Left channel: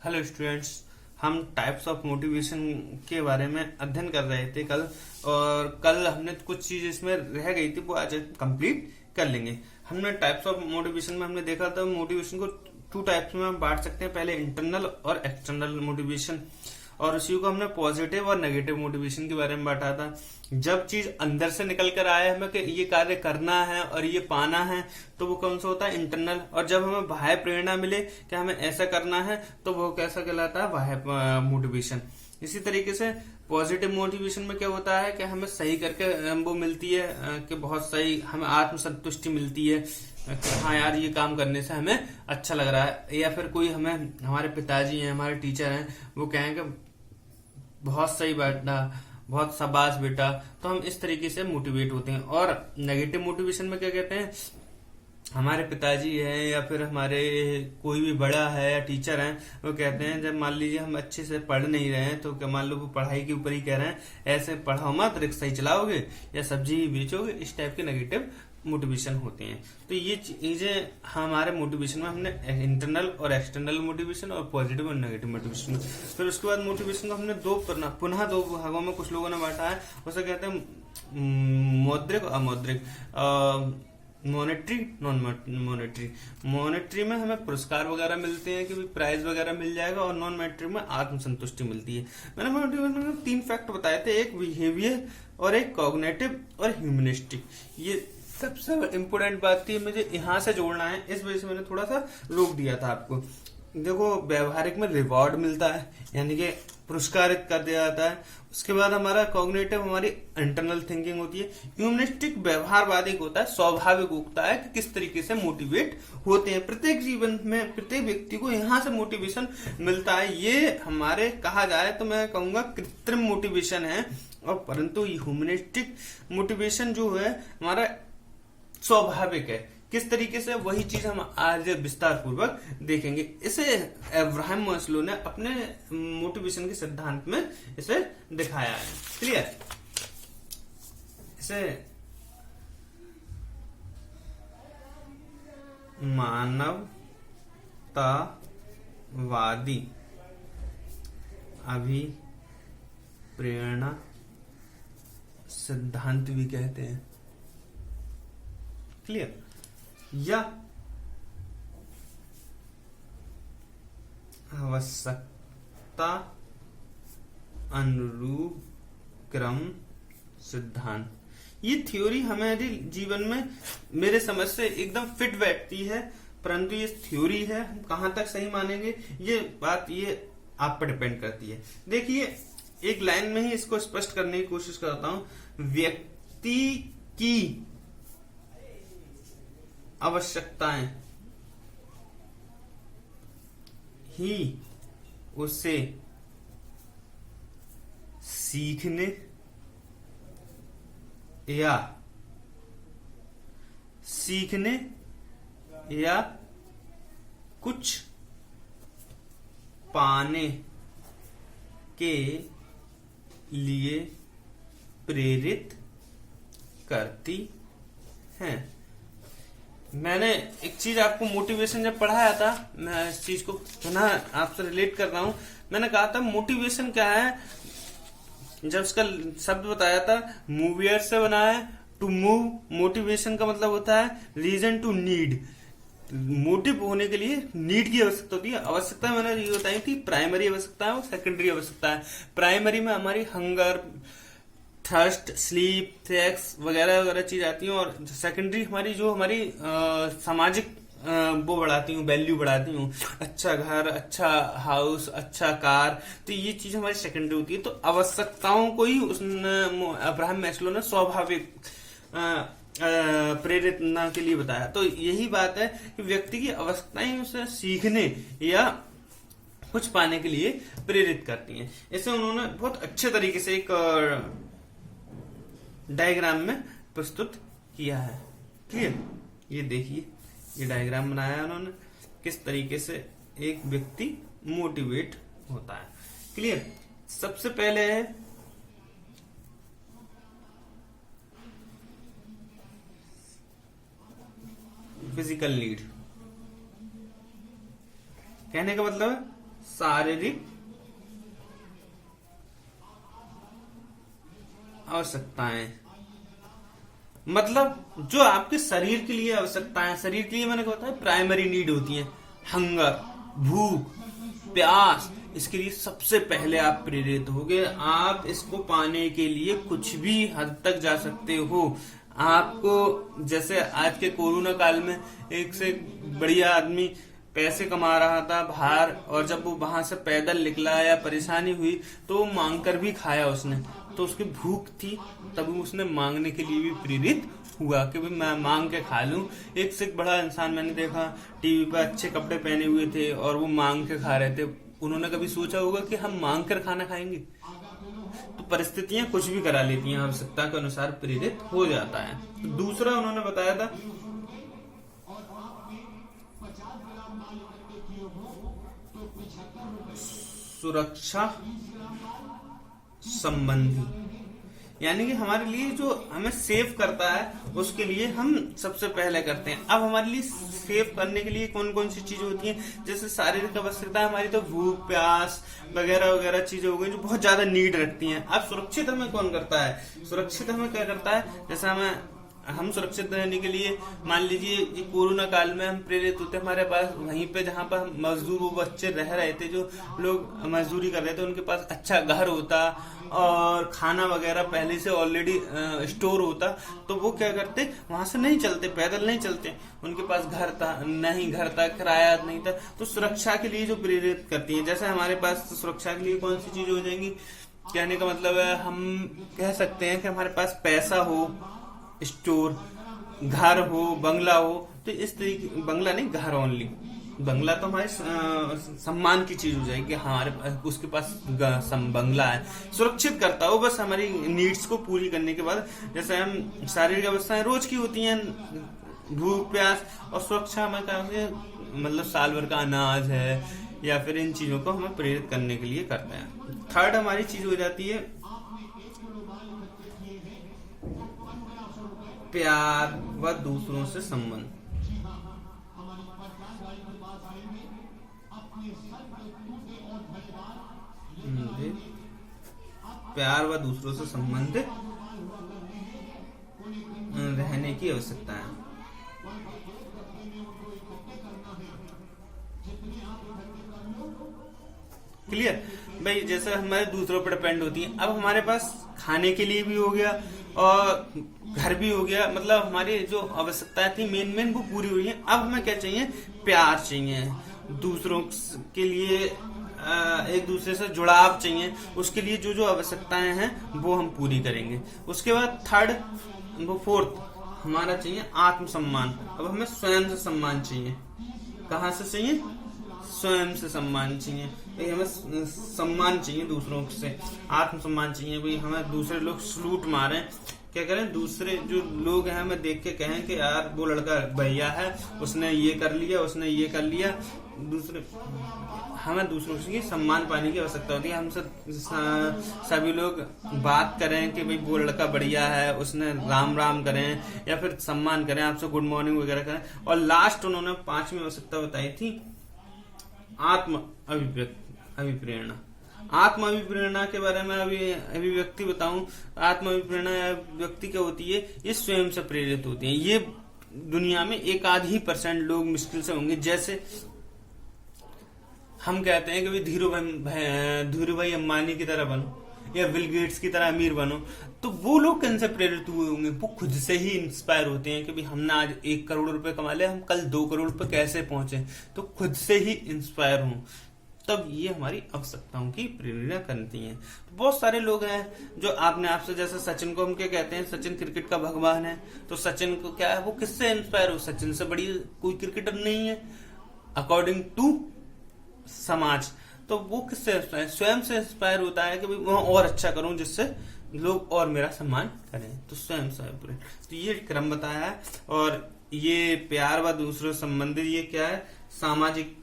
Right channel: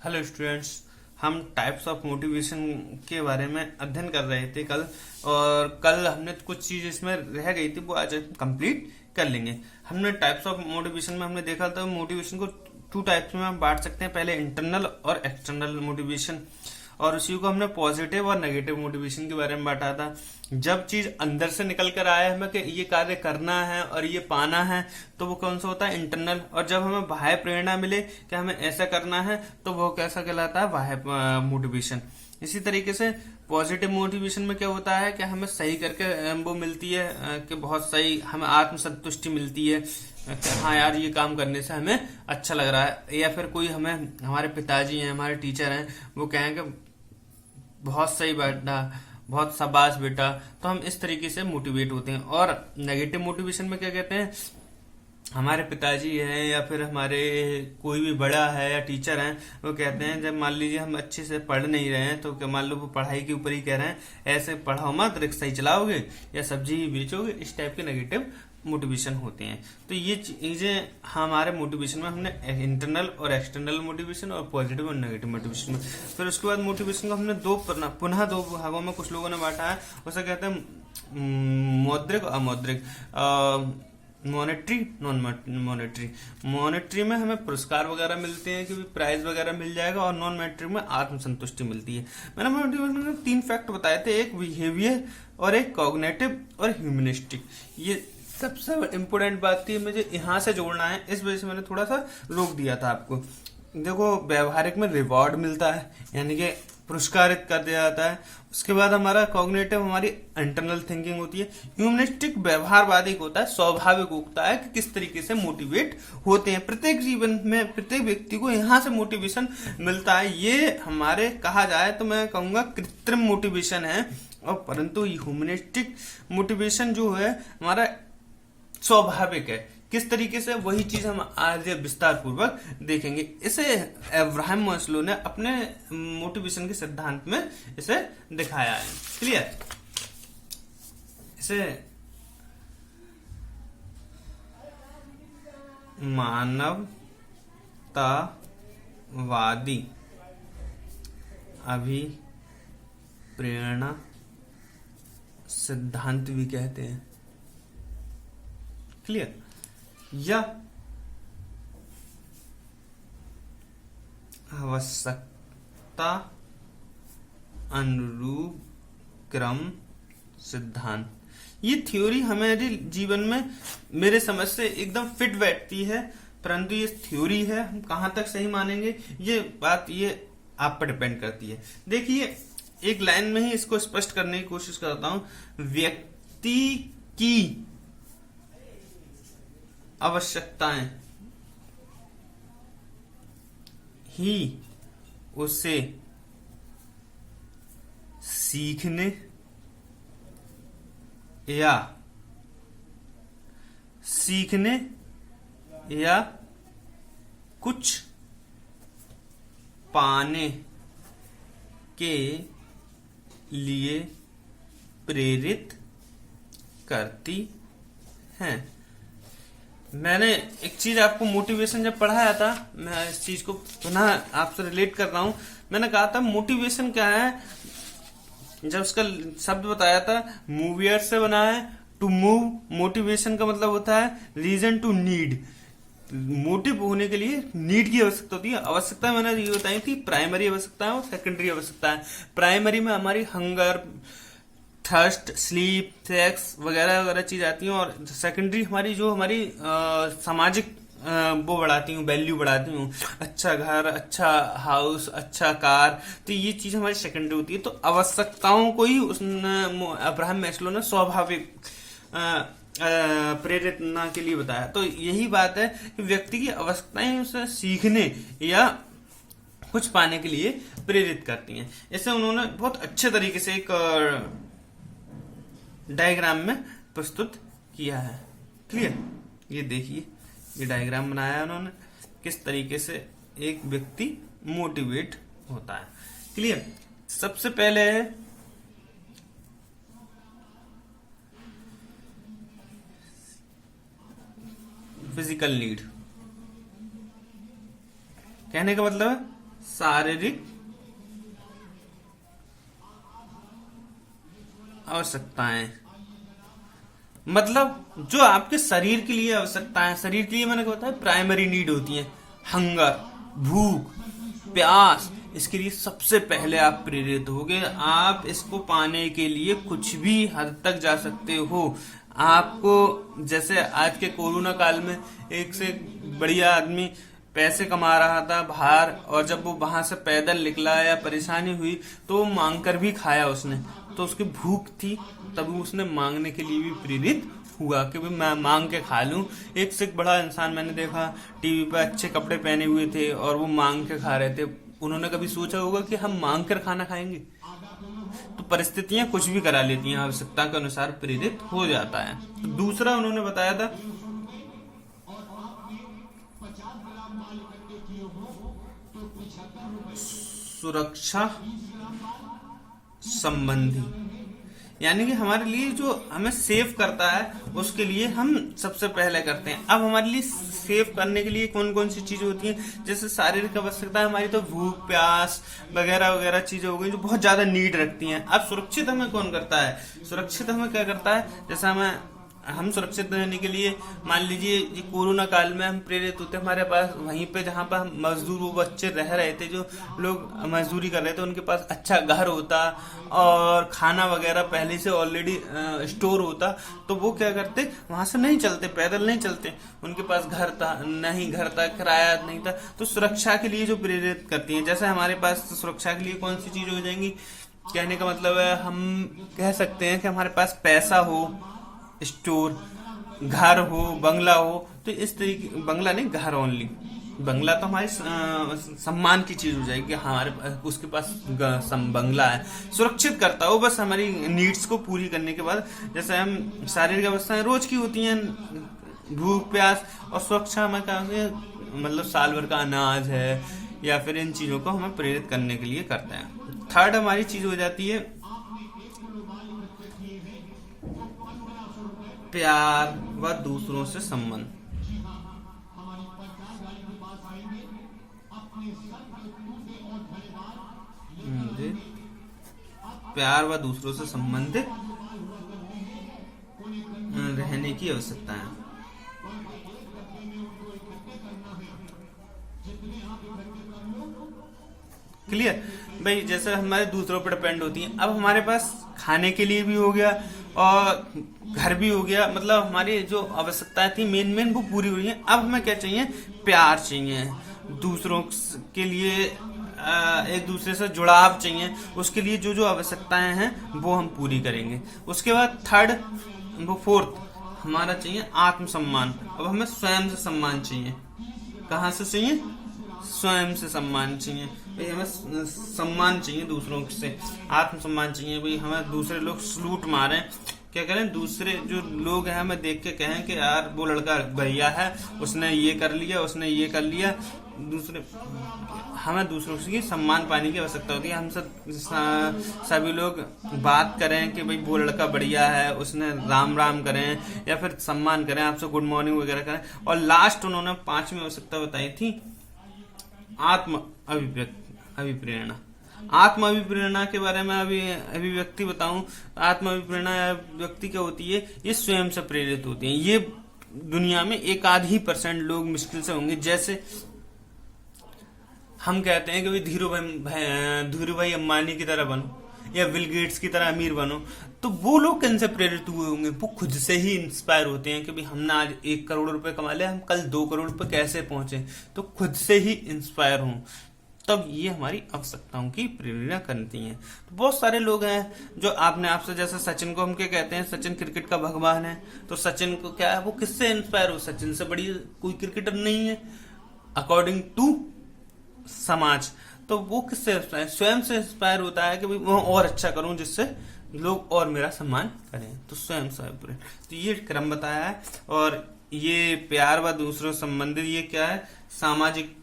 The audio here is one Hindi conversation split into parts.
Hello students. हम टाइप्स ऑफ मोटिवेशन के बारे में अध्ययन कर रहे थे कल। और कल हमने कुछ चीज इसमें रह गई थी, वो आज कंप्लीट कर लेंगे। हमने टाइप्स ऑफ मोटिवेशन में हमने देखा था मोटिवेशन को टू टाइप्स में हम बांट सकते हैं, पहले इंटरनल और एक्सटर्नल मोटिवेशन। और उसी को हमने पॉजिटिव और नेगेटिव मोटिवेशन के बारे में बांटा था। जब चीज अंदर से निकल कर आए हमें कि ये कार्य करना है और ये पाना है, तो वो कौन सा होता है, इंटरनल। और जब हमें बाह्य प्रेरणा मिले कि हमें ऐसा करना है, तो वो कैसा कहलाता है, बाह्य मोटिवेशन। इसी तरीके से पॉजिटिव मोटिवेशन में क्या होता है कि हमें सही करके वो मिलती है कि बहुत सही, हमें आत्मसंतुष्टि मिलती है कि हाँ यार ये काम करने से हमें अच्छा लग रहा है। या फिर कोई हमें, हमारे पिताजी हैं, हमारे टीचर हैं, वो कहें कि बहुत सही बेटा, बहुत शाबाश बेटा, तो हम इस तरीके से मोटिवेट होते हैं। और नेगेटिव मोटिवेशन में क्या कहते हैं, हमारे पिताजी हैं या फिर हमारे कोई भी बड़ा है या टीचर हैं, वो कहते हैं जब मान लीजिए हम अच्छे से पढ़ नहीं रहे हैं, तो क्या मान लो वो पढ़ाई के ऊपर ही कह रहे हैं ऐसे पढ़ाओ मत, रिक्शा ही चलाओगे या सब्जी ही बेचोगे, इस टाइप के नेगेटिव मोटिवेशन होते हैं। तो ये चीजें हमारे मोटिवेशन में हमने इंटरनल और एक्सटर्नल मोटिवेशन और पॉजिटिव और नेगेटिव मोटिवेशन में। फिर उसके बाद मोटिवेशन को हमने पुनः दो भागों में कुछ लोगों ने बांटा है। उसे कहते हैं मौद्रिक और अमौद्रिक, मॉनेटरी नॉन मॉनेटरी। मॉनेटरी में हमें पुरस्कार वगैरह मिलते हैं कि प्राइज वगैरह मिल जाएगा, और नॉन मॉनेटरी में आत्मसंतुष्टि मिलती है। मैंने मोटिवेशन में 3 फैक्ट बताए थे, एक बिहेवियर और एक कॉग्निटिव और ह्यूमनिस्टिक। ये सबसे इम्पोर्टेंट बात थी, मुझे यहाँ से जोड़ना है, इस वजह से मैंने थोड़ा सा रोक दिया था आपको। देखो, व्यवहारिक में रिवॉर्ड मिलता है, यानी कि पुरस्कारित कर दिया जाता है। उसके बाद हमारा कॉग्निटिव, हमारी इंटरनल थिंकिंग होती है। ह्यूमनिस्टिक व्यवहारवादी होता है, स्वाभाविक होता है कि किस तरीके से मोटिवेट होते हैं। प्रत्येक जीवन में प्रत्येक व्यक्ति को यहाँ से मोटिवेशन मिलता है। ये हमारे कहा जाए तो मैं कहूंगा कृत्रिम मोटिवेशन है, और परंतु ह्यूमनिस्टिक मोटिवेशन जो है हमारा स्वाभाविक है। किस तरीके से, वही चीज हम आज विस्तार पूर्वक देखेंगे। इसे अब्राहम मास्लो ने अपने मोटिवेशन के सिद्धांत में इसे दिखाया है। क्लियर? इसे मानवतावादी अभिप्रेरणा सिद्धांत भी कहते हैं। क्लियर? या आवश्यकता अनुरूप क्रम सिद्धांत। ये थ्योरी हमारे जीवन में मेरे समझ से एकदम फिट बैठती है, परंतु ये थ्योरी है, हम कहां तक सही मानेंगे ये बात ये आप पर डिपेंड करती है। देखिए, एक लाइन में ही इसको स्पष्ट करने की कोशिश करता हूं। व्यक्ति की आवश्यकताएं ही उसे सीखने या कुछ पाने के लिए प्रेरित करती हैं। मैंने एक चीज आपको मोटिवेशन जब पढ़ाया था, मैं इस चीज को पुनः आपसे रिलेट कर रहा हूं। मैंने कहा था मोटिवेशन क्या है, जब उसका शब्द बताया था, मूवियर से बना है, टू मूव। मोटिवेशन का मतलब होता है रीजन टू नीड। मोटिव होने के लिए नीड की आवश्यकता होती है। आवश्यकता मैंने ये बताई थी, प्राइमरी आवश्यकता है और सेकेंडरी आवश्यकता है। प्राइमरी में हमारी हंगर, थर्स्ट, स्लीप, सेक्स वगैरह वगैरह चीज आती है, और सेकेंडरी हमारी जो हमारी सामाजिक वो बढ़ाती हूँ, वैल्यू बढ़ाती हूँ, अच्छा घर, अच्छा हाउस, अच्छा कार, तो ये चीज हमारी सेकेंडरी होती है। तो आवश्यकताओं को ही अब्राहम मैस्लो ने स्वाभाविक प्रेरणा के लिए बताया। तो यही बात है कि व्यक्ति की आवश्यकताएं उसे सीखने या कुछ पाने के लिए प्रेरित करती हैं। इसे उन्होंने बहुत अच्छे तरीके से एक डायग्राम में प्रस्तुत किया है। क्लियर? ये देखिए, ये डायग्राम बनाया है उन्होंने, किस तरीके से एक व्यक्ति मोटिवेट होता है। क्लियर? सबसे पहले है फिजिकल नीड। कहने का मतलब शारीरिक आवश्यकताएं, मतलब जो आपके शरीर के लिए आवश्यकताएं, शरीर के लिए मैंने कहा है प्राइमरी नीड होती हैं, हंगर, भूख, प्यास, इसके लिए सबसे पहले आप प्रेरित होगे। आप इसको पाने के लिए कुछ भी हद तक जा सकते हो। आपको जैसे आज के कोरोना काल में एक से बढ़िया आदमी पैसे कमा रहा था बाहर, और जब वो वहां से पैदल निकला या परेशानी हुई तो वो मांग कर भी खाया उसने, तो उसकी भूख थी, तभी उसने मांगने के लिए भी प्रेरित हुआ कि भाई मैं मांग के खा लूं। एक से एक बड़ा इंसान मैंने देखा टीवी पे अच्छे कपड़े पहने हुए थे और वो मांग के खा रहे थे। उन्होंने कभी सोचा होगा कि हम मांग कर खाना खाएंगे? तो परिस्थितियां कुछ भी करा लेती हैं, आवश्यकता के अनुसार प्रेरित हो जाता है। तो दूसरा उन्होंने बताया था सुरक्षा संबंधी, यानी कि हमारे लिए जो हमें सेव करता है उसके लिए हम सबसे पहले करते हैं। अब हमारे लिए सेव करने के लिए कौन कौन सी चीजें होती हैं, जैसे शारीरिक आवश्यकता हमारी तो भूख, प्यास वगैरह वगैरह चीजें हो गई जो बहुत ज्यादा नीड रखती हैं। अब सुरक्षित हमें कौन करता है? सुरक्षित हमें क्या करता है, जैसे हम सुरक्षित रहने के लिए मान लीजिए ये कोरोना काल में हम प्रेरित होते हैं, हमारे पास वहीं पे जहाँ पर मजदूर वो बच्चे रह रहे थे, जो लोग मजदूरी कर रहे थे, उनके पास अच्छा घर होता और खाना वगैरह पहले से ऑलरेडी स्टोर होता, तो वो क्या करते, वहां से नहीं चलते, पैदल नहीं चलते, उनके पास घर था नहीं, घर था, किराया नहीं था। तो सुरक्षा के लिए जो प्रेरित करती है, जैसे हमारे पास सुरक्षा के लिए कौन सी चीज हो जाएंगी, कहने का मतलब है हम कह सकते हैं कि हमारे पास पैसा हो, स्टोर, घर हो, बंगला हो, तो इस तरीके, बंगला नहीं घर ओनली, बंगला तो हमारे सम्मान की चीज हो जाएगी, हमारे पास उसके पास बंगला है, सुरक्षित करता है वो बस हमारी नीड्स को पूरी करने के बाद। जैसे हम शारीरिक अवस्थाएं रोज की होती हैं, भूख, प्यास, और सुरक्षा में क्या मतलब साल भर का अनाज है या फिर इन चीजों को हमें प्रेरित करने के लिए करते हैं। थर्ड हमारी चीज हो जाती है प्यार व दूसरों से संबंध। प्यार व दूसरों से संबंधित रहने की आवश्यकता है। क्लियर भाई, जैसे हमारे दूसरों पर डिपेंड होती है। अब हमारे पास खाने के लिए भी हो गया और घर भी हो गया, मतलब हमारी जो आवश्यकताएं थी मेन वो पूरी हुई है। अब हमें क्या चाहिए, प्यार चाहिए, दूसरों के लिए एक दूसरे से जुड़ाव चाहिए, उसके लिए जो जो आवश्यकताएं हैं वो हम पूरी करेंगे। उसके बाद थर्ड वो फोर्थ हमारा चाहिए आत्मसम्मान। अब हमें स्वयं से सम्मान चाहिए। कहाँ से चाहिए? स्वयं से सम्मान चाहिए भाई, हमें सम्मान चाहिए दूसरों से, आत्मसम्मान चाहिए भाई। हमें दूसरे लोग सलूट मारे, क्या करें, दूसरे जो लोग हैं हमें देख के कहें कि यार वो लड़का बढ़िया है, उसने ये कर लिया, उसने ये कर लिया। दूसरे हमें दूसरों की सम्मान पाने की आवश्यकता होती है। हम सभी लोग बात करें कि भाई वो लड़का बढ़िया है, उसने राम राम करें या फिर सम्मान करें, आपसे गुड मॉर्निंग वगैरह करें। और लास्ट उन्होंने 5वीं आवश्यकता बताई थी आत्म अभिप्रेरणा। आत्म अभिप्रेरणा के बारे में अभिव्यक्ति बताऊं, आत्म अभिप्रेरणा व्यक्ति क्या होती है, ये स्वयं से प्रेरित होती है। ये दुनिया में 1-2% लोग मुश्किल से होंगे। जैसे हम कहते हैं कि धीरू भाई अंबानी की तरह बनो या बिल गेट्स की तरह अमीर बनो, तो वो लोग किन से प्रेरित हुए होंगे? वो खुद से ही इंस्पायर होते हैं कि भाई हमने आज 1 करोड़ रुपए कमा लिया, हम कल 2 करोड़ रुपए कैसे पहुंचे, तो खुद से ही इंस्पायर हों, तब ये हमारी आवश्यकताओं की प्रेरणा करती हैं। तो बहुत सारे लोग हैं जो आपने आपसे, जैसे सचिन को हम क्या कहते हैं, सचिन क्रिकेट का भगवान है, तो सचिन को क्या है, वो किससे इंस्पायर हो? सचिन से बड़ी कोई क्रिकेटर नहीं है अकॉर्डिंग टू समाज। तो वो किससे स्वयं से इंस्पायर होता है कि भाई वो और अच्छा करूं जिससे लोग और मेरा सम्मान करें, तो स्वयं से। तो ये क्रम बताया है। और ये प्यार व दूसरों संबंधित ये क्या है, सामाजिक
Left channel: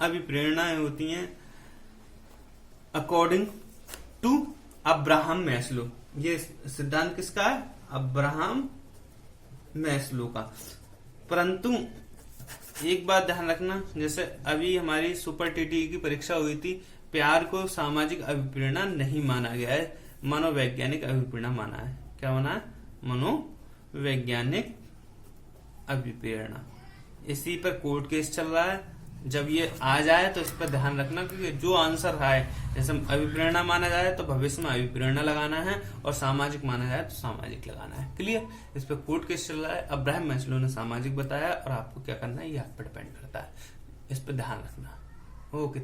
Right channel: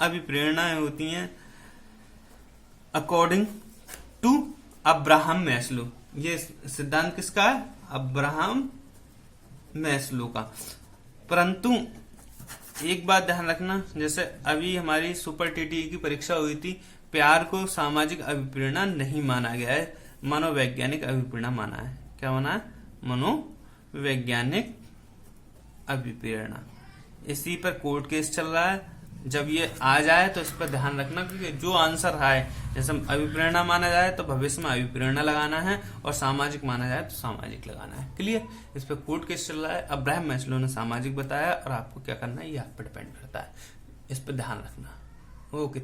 अभिप्रेरणाएं होती हैं अकॉर्डिंग टू अब्राहम मैस्लो। ये सिद्धांत किसका है? अब्राहम मैस्लो का। परंतु एक बात ध्यान रखना, जैसे अभी हमारी सुपर टीटी की परीक्षा हुई थी, प्यार को सामाजिक अभिप्रेरणा नहीं माना गया है, मनोवैज्ञानिक अभिप्रेरणा माना है। क्या माना है? मनोवैज्ञानिक अभिप्रेरणा। इसी पर कोर्ट केस चल रहा है। जब ये आ जाए तो इस पर ध्यान रखना, क्योंकि जो आंसर है, जैसे अभिप्रेरणा माना जाए तो भविष्य में अभिप्रेरणा लगाना है, और सामाजिक माना जाए तो सामाजिक लगाना है। क्लियर? इस पर कोर्ट केस चल रहा है। अब्राहम मैस्लो ने सामाजिक बताया, और आपको क्या करना है ये आप पर डिपेंड करता है। इस पर ध्यान रखना। ओके।